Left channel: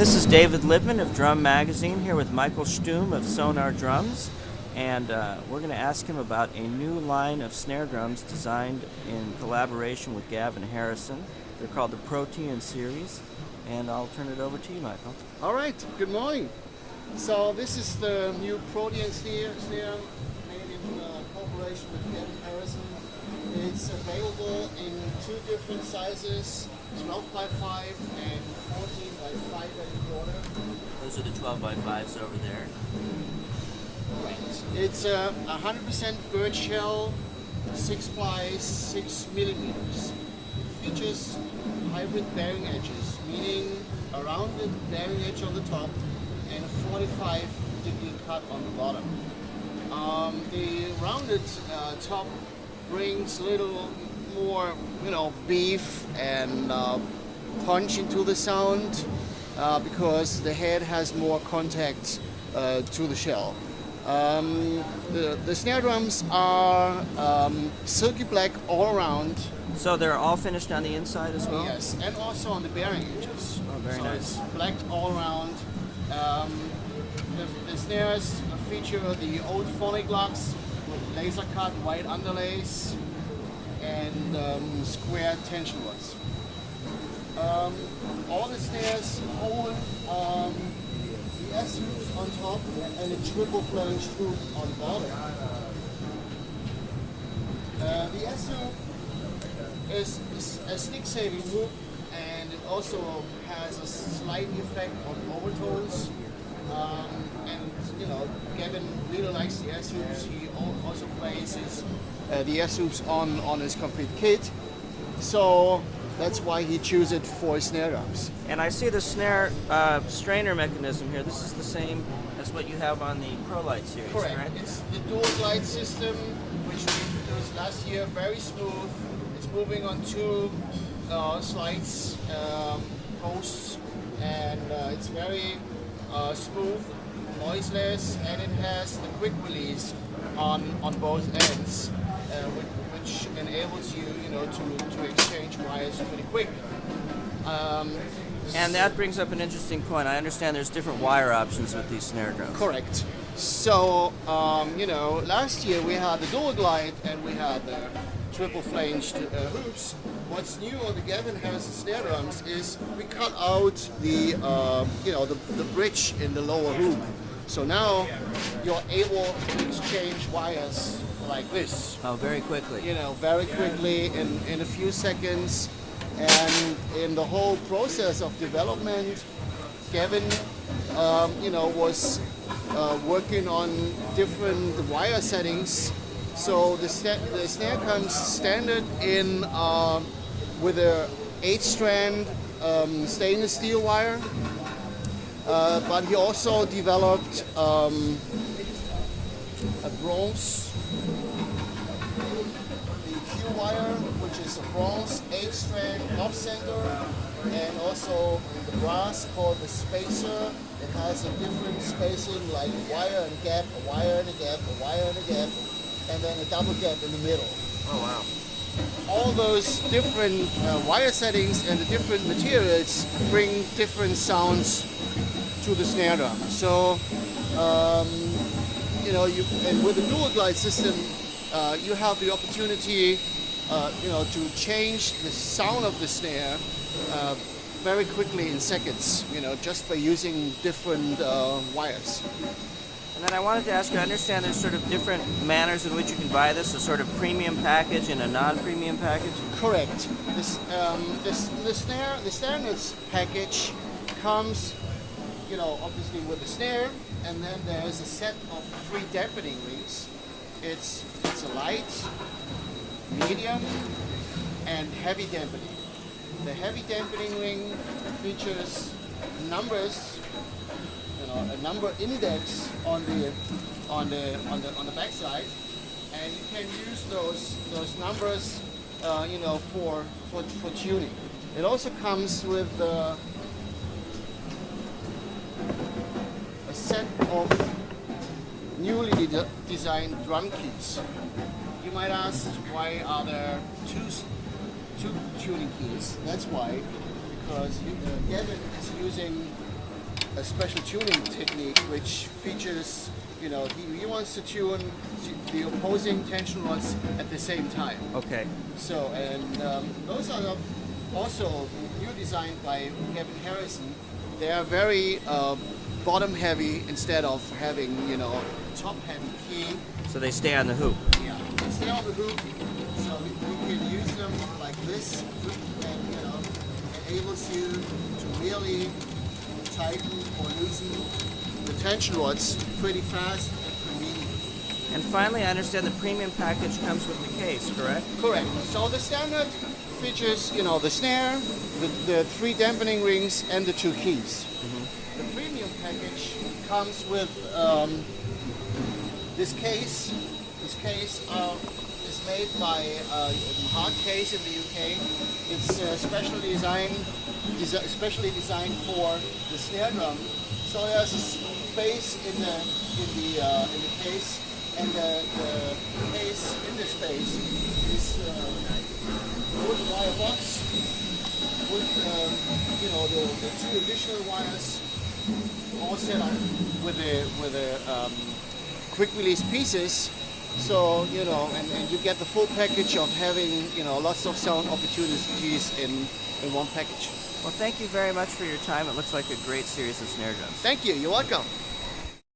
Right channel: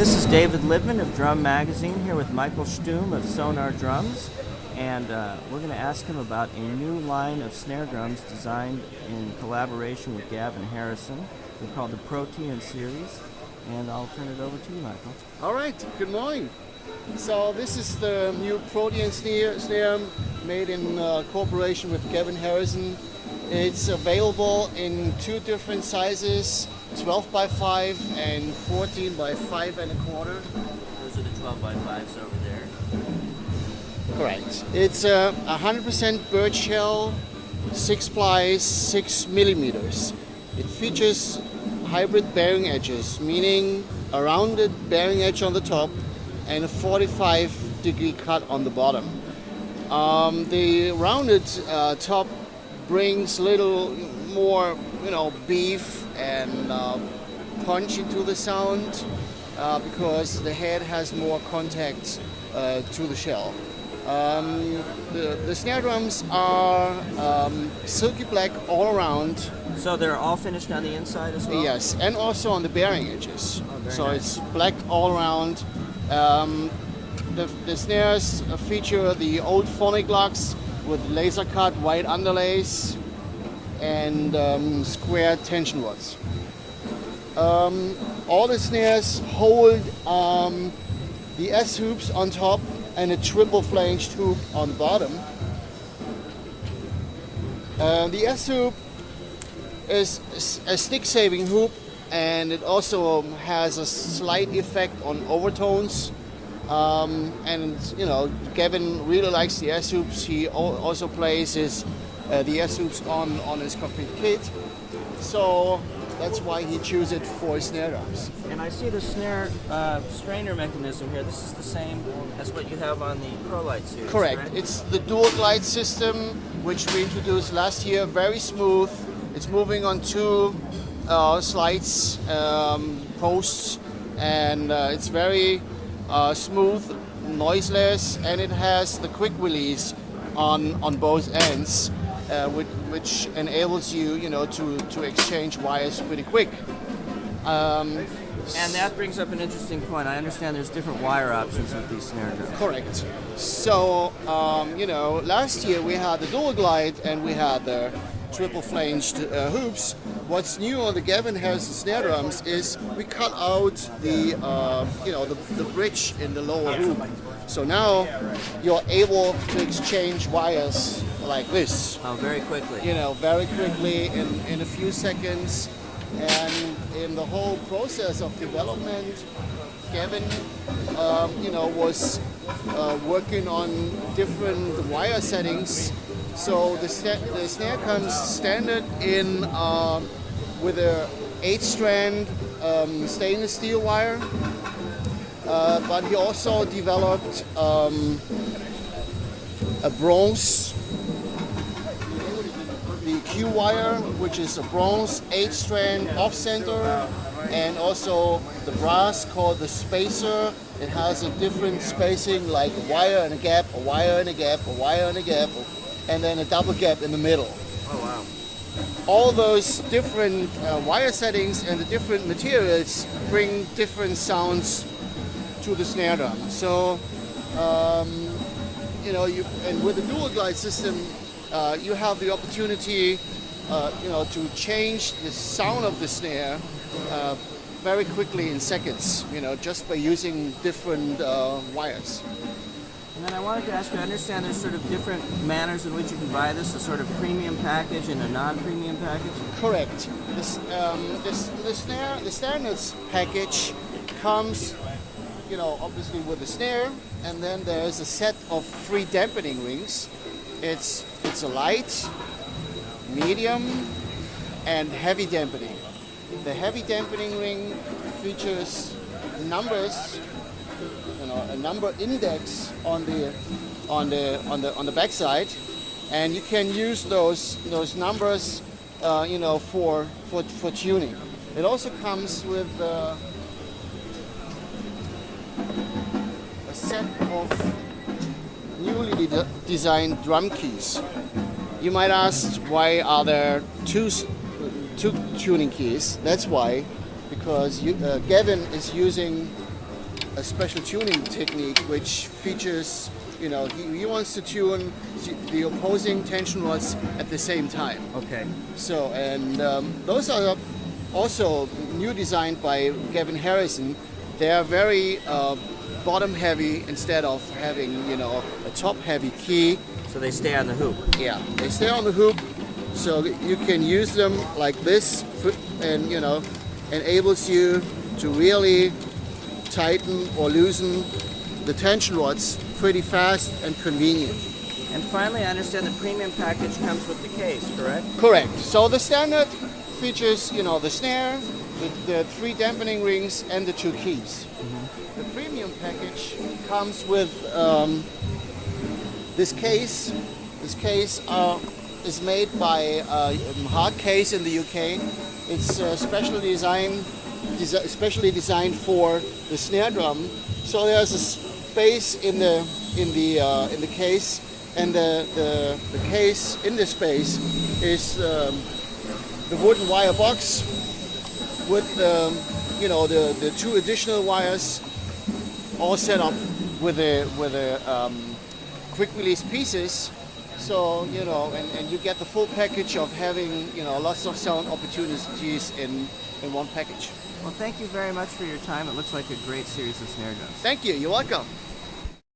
This is David Libman of Drum Magazine here with Michael Stum of Sonor Drums, and we're going to ask him about a new line of snare drums designed in collaboration with Gavin Harrison. They're called the Protean series, and I'll turn it over to you, Michael. All right, good morning. So this is the new Protean snare made in cooperation with Gavin Harrison. It's available in two different sizes, 12 by 5 and 14 by 5 and a quarter. Those are the 12 by 5s over there. Correct. It's 100% birch shell, 6 ply, 6 millimeters. It features hybrid bearing edges, meaning a rounded bearing edge on the top and a 45-degree cut on the bottom. The rounded top brings a little more, beef and punch into the sound because the head has more contact to the shell. The snare drums are silky black all around. So they're all finished on the inside as well? Yes, and also on the bearing edges. Oh, very so nice. It's black all around. The snares feature the old phonic locks with laser cut white underlays and square tension rods. All the snares hold the S hoops on top and a triple flanged hoop on the bottom. The S hoop is a stick saving hoop, and it also has a slight effect on overtones. And Gavin really likes the S hoops. He also plays the S hoops on his complete kit, so that's why he chose it for his snare drums. And I see the snare strainer mechanism here. This is the same as what you have on the ProLite series. Correct. Right? It's the dual glide system, which we introduced last year. Very smooth. It's moving on two slides, posts, and it's very smooth, noiseless, and it has the quick release on both ends, which enables you, to exchange wires pretty quick. And that brings up an interesting point. I understand there's different wire options with these snare drums. Correct. So, last year we had the dual glide and we had the triple flanged hoops. What's new on the Gavin Harrison snare drums is we cut out the bridge in the lower hoop. So now you're able to exchange wires like this. Oh, very quickly. Very quickly in a few seconds. And in the whole process of development, Gavin, was working on different wire settings. So the snare comes standard in with a 8-strand stainless steel wire, but he also developed a bronze, the Q wire, which is a bronze 8-strand off-center, and also the brass called the spacer. It has a different spacing, like a wire and a gap, a wire and a gap, a wire and a gap, and then a double gap in the middle. Oh, wow. All those different wire settings and the different materials bring different sounds to the snare drum. So, and with the dual glide system, you have the opportunity, to change the sound of the snare very quickly in seconds, just by using different wires. And then I wanted to ask you, I understand there's sort of different manners in which you can buy this, a sort of premium package and a non-premium package? Correct. The standards package comes, obviously with the snare, and then there's a set of 3 dampening rings. It's a light, medium, and heavy dampening. The heavy dampening ring features numbers, a number index on the backside, and you can use those numbers, for tuning. It also comes with a set of newly designed drum keys. You might ask, why are there two tuning keys? That's why, because Gavin is using a special tuning technique which features, he wants to tune the opposing tension rods at the same time. Okay. So, and those are also new designed by Gavin Harrison. They are very bottom heavy instead of having, a top heavy key. So they stay on the hoop. Yeah, they stay on the hoop, so you can use them like this, and enables you to really tighten or loosen the tension rods pretty fast and convenient. And finally, I understand the premium package comes with the case, correct? Correct. So the standard features, the snare, the 3 dampening rings, and the 2 keys. The premium package comes with this case. This case is made by Hard Case in the UK. It's specially designed for the snare drum. So there's a space in the case, and the case in the space is the wooden wire box with the 2 additional wires all set up with a quick release pieces. So and you get the full package of having lots of sound opportunities in one package. Well, thank you very much for your time. It looks like a great series of snare drums. Thank you. You're welcome.